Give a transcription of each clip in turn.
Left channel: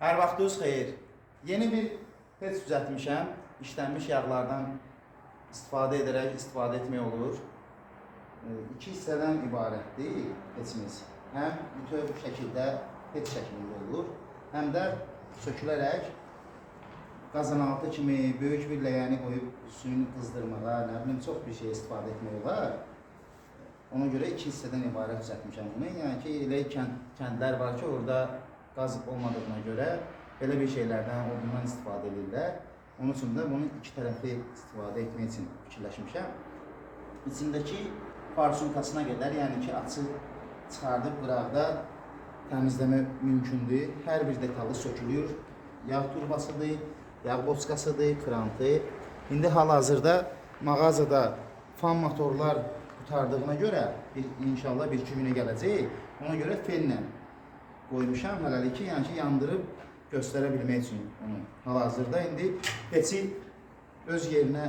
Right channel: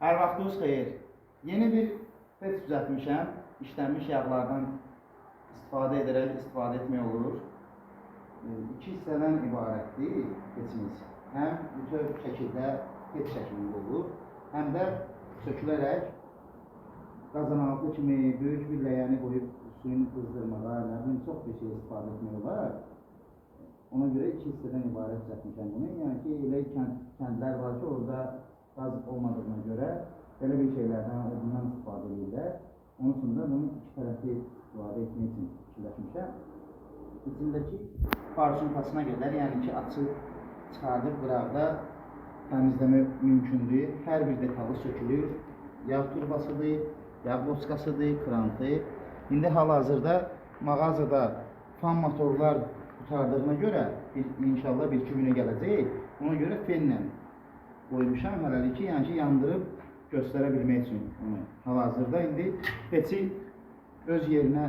Hər vaxtınız xeyir. Yeni bir pec düzəltmişəm. İşlənmiş yağlardan istifadə etmək olur. İki hissədən ibarətdir pecimiz. Həm bütöv şəkildə pec şəklində olur, həm də sökülərək qazanaltı kimi böyük bir ləyəni qoyub suyunu qızdırmağa, nə bilim çox bir şey istifadə etmək olar. Ona görə iki hissədən ibarət düzəltmişəm bunu. Yəni ki, elə kəndlər var ki, orada qaz olmadığına görə belə bir şeylərdən, odundan istifadə edirlər. Onun üçün də bunu iki tərəfli istifadə etmək üçün fikirləşmişəm. İçindəki farsunkasına qədər, yəni ki, açıb çıxardıb qıraqda təmizləmə mümkündür. Hər bir detalı sökülür. Yağ turbasıdır, yağ boçkasıdır, krantı. İndi hal-hazırda mağazada fan motorlar qurtardığına görə inşallah bir-iki günə gələcək. Ona görə fellə qoymuşam hələlik ki, yəni ki, yandırıb göstərə bilmək üçün onu. Hal-hazırda indi peci öz yerinə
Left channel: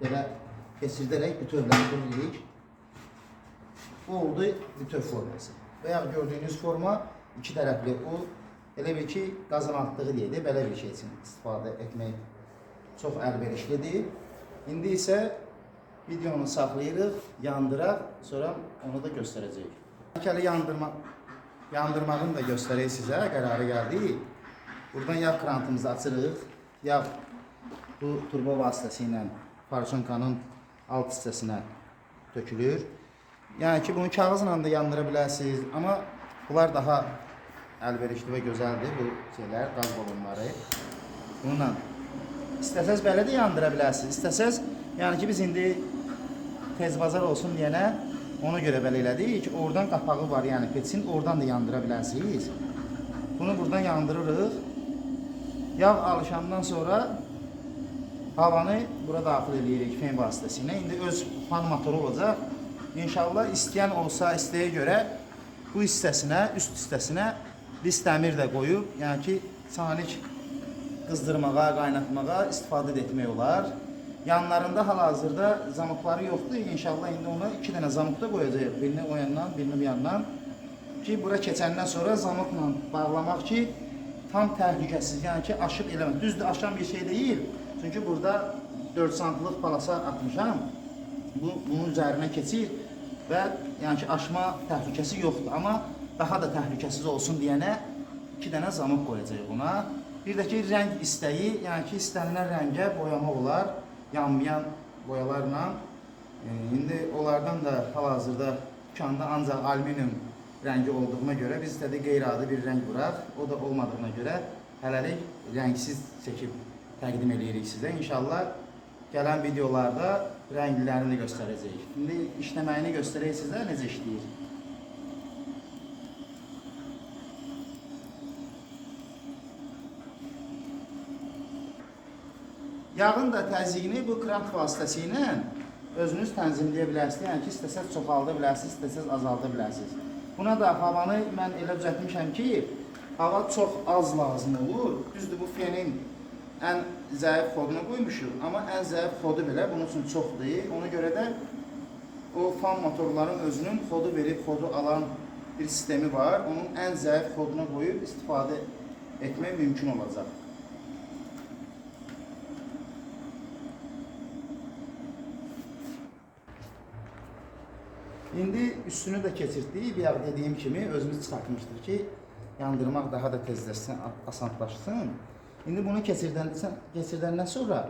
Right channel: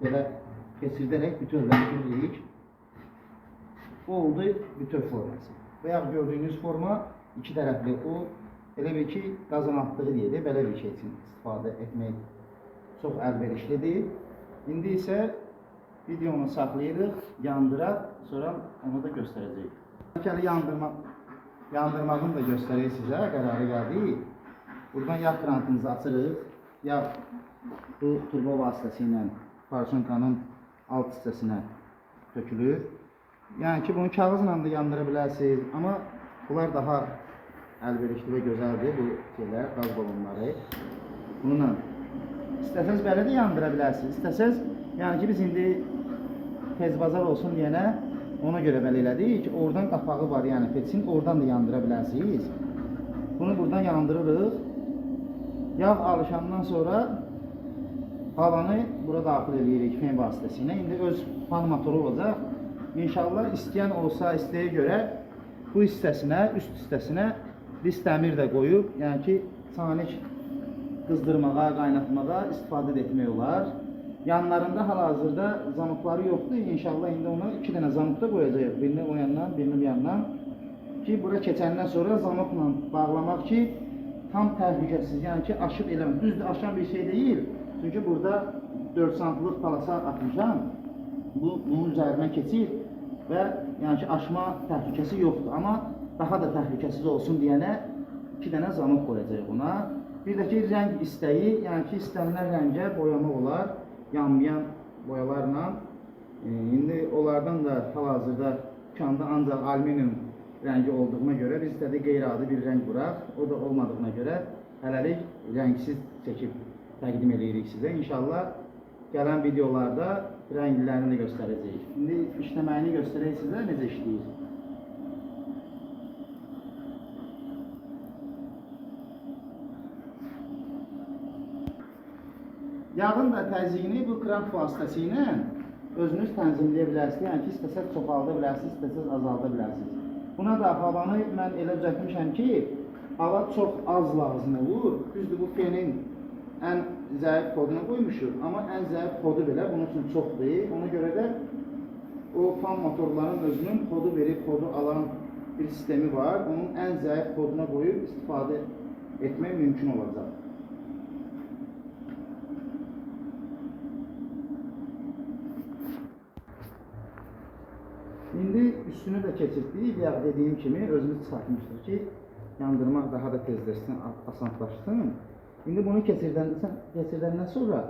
belə keçirdərək bütövləndiririk. Bu oldu bütöv forması. Və ya gördüyünüz forma iki tərəfli. O elə bir ki, qazanatlığı deyilir. Belə bir şey üçün istifadə etmək çox əlverişlidir. İndi isə videonu saxlayırıq, yandıraq, sonra onu da göstərəcəyik. İlkəli yandırmağını da göstərək sizə, qərarı gəldi. Buradan yağ krantımızı açırıq. Yağ bu turbo vasitəsilə farsunkanın alt hissəsinə tökülür. Yəni ki, bunu kağızla da yandıra bilərsiniz, amma bunlar daha əlverişli və gözəldir bu şeylər, qaz balonları. Bununla istəsəz belə də yandıra bilərsiniz. İstəsəz, yəni ki, biz indi tez bazar olsun deyənə ona görə belə elədik ki, oradan qapağı var, yəni pecin, oradan da yandıra bilərsiniz. Bunu buradan yandırırıq. Yağ alışandan sonra havanı bura daxil edirik fen vasitəsilə. İndi öz fan motoru olacaq. İnşallah istəyən olsa, istəyə görə bu hissəsinə, üst hissəsinə biz dəmir də qoyub, yəni ki, sanik qızdırmağa, qaynatmağa istifadə etmək olar. Yanlarında hal-hazırda zamokları yoxdur. İnşallah indi ona iki dənə zamok da qoyacaq. Birini o yandan, birini bu yandan. Ki, bura keçəndən sonra zamokla bağlamaq ki, tam təhlükəsiz, yəni ki, aşıq eləmək. Düzdür, aşan bir şey deyil. Çünki burada 4 santlıq palasa atmışam. Bunun üzərinə keçir və yəni ki, aşma təhlükəsi yoxdur. Amma daha da təhlükəsiz olsun deyənə iki dənə zamok qoyacaq buna. Bir də ki, rəng istəyi, yəni ki, istənilən rəngə boyama olar. Yanmayan boyalarla. İndi onlardan da hal-hazırda dükkanda ancaq alüminium rəngi olduğuna görə biz də qeyri-adi bir rəng vuraq. O da olmadığına görə hələlik rəngsiz çəkib təqdim edirik sizə. İnşallah gələn videolarda rənglərini göstərəcəyik. İndi işləməyini göstərək sizə necə işləyir. Yağın da təzyiqini bu krant vasitəsilə özünüz tənzimləyə bilərsiniz. Yəni ki, istəsəz çoxalda bilərsiniz, istəsəz azalda bilərsiniz. Buna da havanı mən elə düzəltmişəm ki, hava çox az lazım olur. Düzdür, bu fenin ən zəif kodunu qoymuşuq, amma ən zəif kodu belə bunun üçün çoxdur. Ona görə də o fan motorların özünün kodu verib, kodu alan bir sistemi var. Onun ən zəif koduna qoyub istifadə etmək mümkün olacaq. İndi üstünü də keçirdik. Bir yağ dediyim kimi özümüz çıxartmışdır ki, yandırmaq daha da tezləşsin, asanlaşsın. İndi bunu keçirdəndən sonra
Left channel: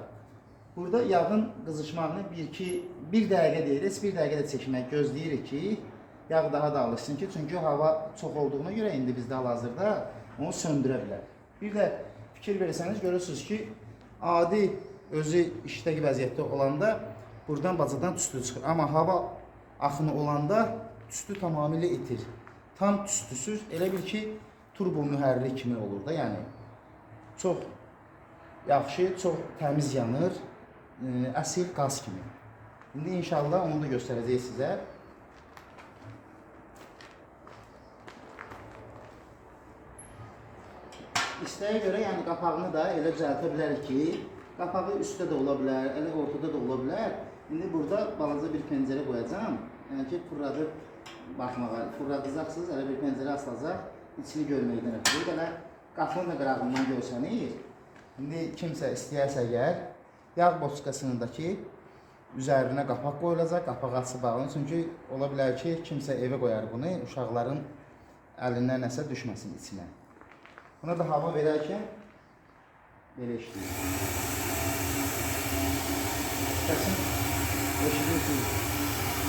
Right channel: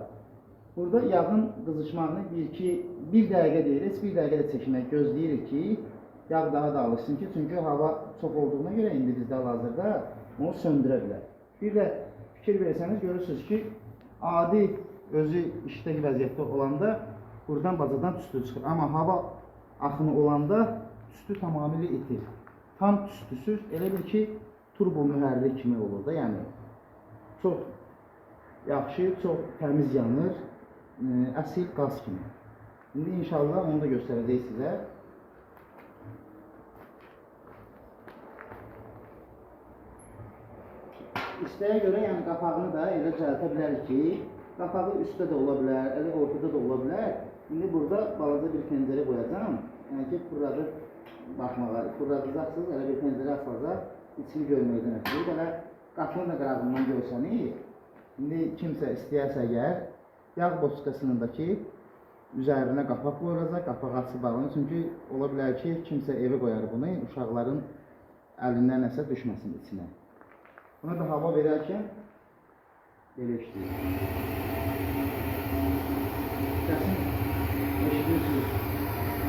burada yağın qızışmağını bir dəqiqə deyirik, bir dəqiqə də çəkmək gözləyirik ki, yağ daha da alışsın ki, çünki hava çox olduğuna görə indi bizdə hal-hazırda onu söndürə bilər. Bir də fikir verirsəniz, görürsünüz ki, adi özü işdəki vəziyyətdə olanda buradan bacadan tüstü çıxır. Amma hava axını olanda tüstü tamamilə itir. Tam tüstüsüz, elə bil ki, turbo mühərrik kimi olur da, yəni çox yaxşı, çox təmiz yanır, əsil qaz kimi. İndi inşallah onu da göstərəcək sizə. İstəyə görə, yəni qapağını da elə düzəltə bilərik ki, qapağı üstdə də ola bilər, elə ortada da ola bilər. İndi burada balaca bir pəncərə qoyacağım. Yəni ki, fırladıb baxmağa, fırladacaqsınız, elə bir pəncərə açılacaq, içini görməkdən ötürü. Belə qatının da qırağından görsəniz, indi kimsə istəyərsə əgər, yağ boçkasındakı üzərinə qapaq qoyulacaq, qapaq açıb bağlanır. Çünki ola bilər ki, kimsə evə qoyar bunu, uşaqların əlindən nəsə düşməsin içinə. Buna da hava verərkən belə işləyir. Səsin eşidirsiniz.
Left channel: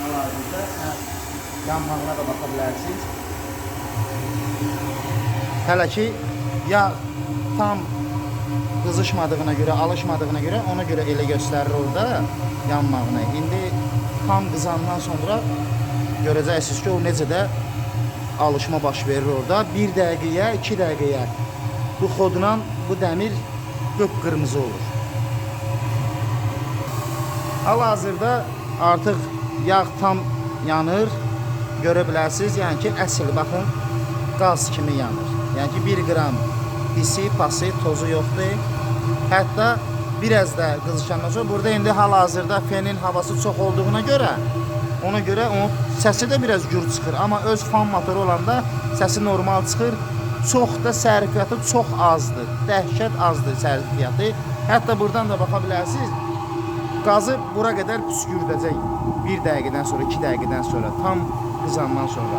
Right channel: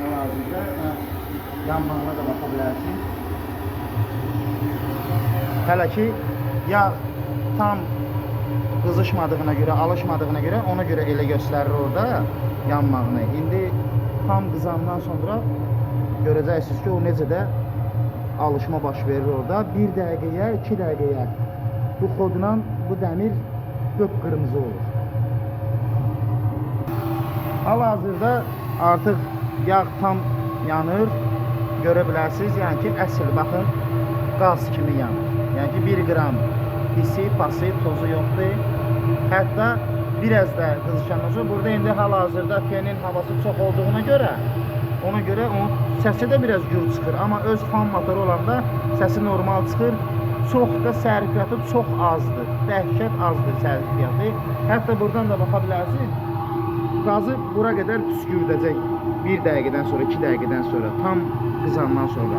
Hal-hazırda yanmağına da baxa bilərsiniz. Hələ ki, yağ tam qızışmadığına görə, alışmadığına görə ona görə elə göstərir orada yanmağını. İndi tam qızandan sonra görəcəksiniz ki, o necə də alışma baş verir orada. 1 dəqiqəyə, 2 dəqiqəyə bu xodla bu dəmir qıpqırmızı olur. Hal-hazırda artıq yağ tam yanır. Görə bilərsiniz, yəni ki, əsl baxın qaz kimi yanır. Yəni ki, 1 qram pisi, pası, tozu yoxdur. Hətta biraz da qızışandan sonra burada indi hal-hazırda fenin havası çox olduğuna görə ona görə onun səsi də biraz gür çıxır. Amma öz fan motoru olanda səsi normal çıxır. Çox da sərfiyyatı çox azdır. Dəhşət azdır sərfiyyatı. Hətta buradan da baxa bilərsiniz. Qazı bura qədər püskürdəcək 1 dəqiqədən sonra, 2 dəqiqədən sonra, tam qızandan sonra.